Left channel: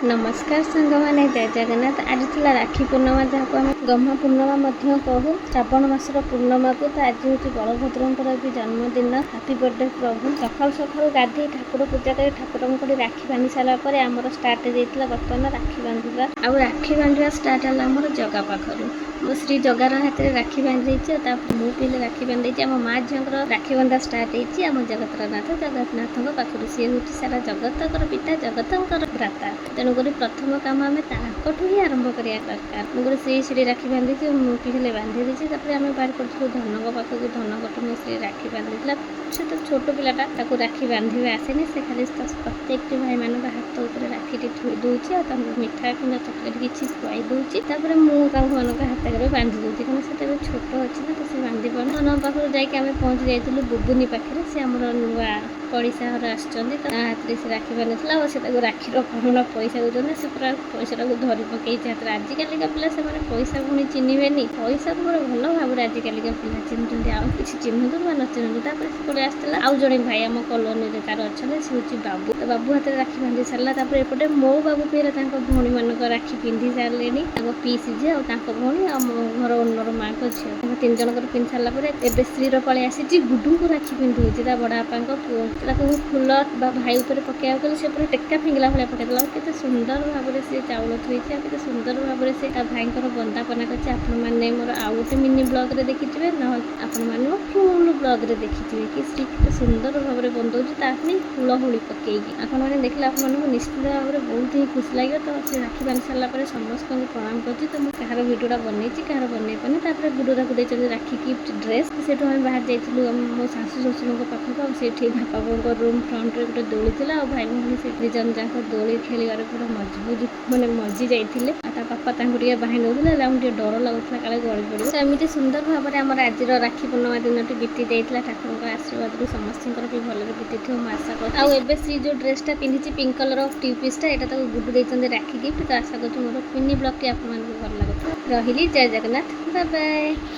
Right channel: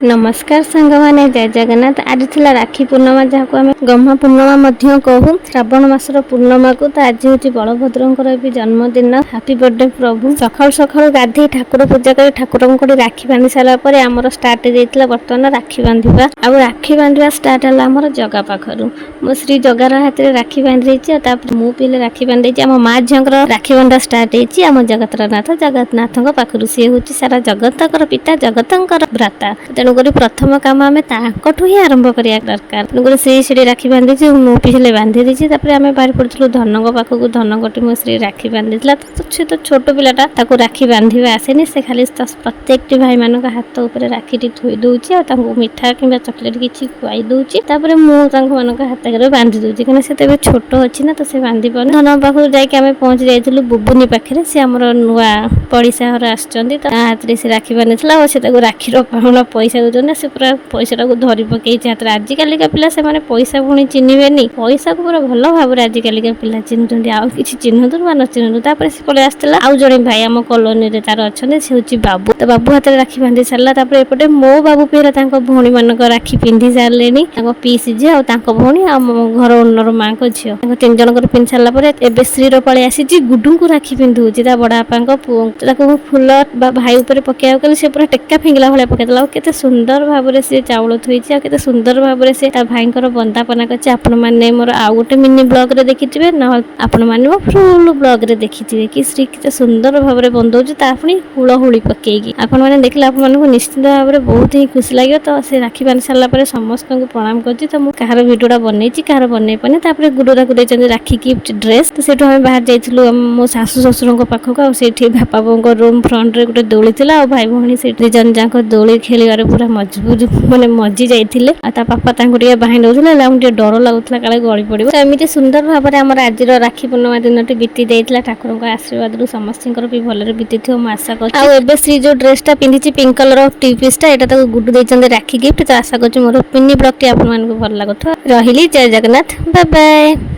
नमस्कार सांग माने जय जगन्नाथ। आज थिला राखी पूर्णिमा जहाँ आम गह्मा पूर्णिमा कहूँ श्रावण मासर पूर्णिमा को। तो आज हूँ बलभद्र भी जन्मदिन। हैप्पी बर्थडे प्रभु। सकाल सकाल गाधे ठाकुर पूजा कर ठाकुर को राखी बांधि सारापर आमर स्टार्ट हो बर्तमान राखी बांधा। आ राखी बांधा स्टार्ट है आमर जगा पाखर। मो श्री जगार हाथ में राखी बांधि मु पीले राखी बांधि आम माँ झीर राखी बांधा स्टार्ट होम जगतरनाथ जगन्नाथ पाखर। सी हूँ सारा जगतर पिता जगतर भ्राता। तेणुक प्रथम कम आम ताकू ही आरंभ करा दरकार। तेणुक सी राखी बांधि मु पीछे बांधि देती। आम बाहर पड़ू धनक पाखक धनकटी मो श्री राखी बांधि से तो छोट पिलाटा राखी बांधा आसेनि। से खाली प्रत्येक भाई मान हाथ उपर राखी थोई दूसरी मिठा कि चॉकलेट किसी खुआई दूसरी। मुझे हाथ बांधि दूसरी कहीं से तो छोट अच्छी ना तो से बांधि पार धन पाखक जाकि पहुँच जाइलु बुबुनी पाखे। से आम नुआ पड़िशा घर आसुँच तो हाथ में से राखी बांधि से राखीर पाहुण पैसा दूसरे से पूरा पैसा धरी पकई हाथ में। आजिकल पिला से पैसा पुणी चिन्हे पैसा को पूरा भल भाव में आजिकल पिला चिन्हते आउ कि चिन्हतु न चिन्हतु। तापर से पलि आसला आउ जड़े भाई आम कॉलोनी रे तार अच्छे से हूँ बाबू। तो बाबू हाथ में राखी बांधि सारा एपटे मो बाबू पीला भौणी मानक राखी पिंधि सारे पीसी झी आ भौणी घर ओनर माँ को झील तीन जन पिंधि सारापर एवं श्रीर पलि आसी गुडू को राखी पिंधुची बड़ा बापा पुओ फुल भाई उपर पकड़ से पूरा टेक्का फिंगला भाई पकईदेला। केते सुंदर भाव में सी चाउल थोड़ी केते सुंदर भाव में सी भाई बंदापना कर। आपण मैंने मोर आउ गोटे मिनी ब्लॉग रे देखिथे ना आपण मैंने फुल ब्लॉग रे देखिथे कि श्री केते सुंदर भाव में बंधौचे पुणी हुलहुली पकईकी। आपण मैंने देखले आपको निश्चित भाव में बहुत ही खुशी लगे। तो से राखी बांधि सारापर समस्त को प्रणाम कर। तो मुझे कहार भिडियोटा बनई कहार बनई पानी। गुरुरा को देते राखी गिफ्ट ड्रेस। तो सेठू आम बाहर जाइलु मो शाशु शशुर पाखक। आठी बापा बों रूम फ्रंट रे गोटे दोली था। भाई भौणी से जन जाक दोली खेल पूरा मजबूत मैंने मजी जाते। पापा बाही नौते डर लगुला काले गली पड़ो। एमती सुंदर भाव में आम आज राखी पूर्णिमा दिन बीती जाता। ठाकुर आशीर्वाद समस्त भी भले बीती थी आशा कर। श्री जो ड्रेसटा पिंधि पिंक कलर टी पीसटा यहाँ गुडू देते राखी गिफ्ट। तो आशा कर मोर मिनी ब्लॉग टी आप भल लगुव। रही जय जगन्नाथ बाय बाय।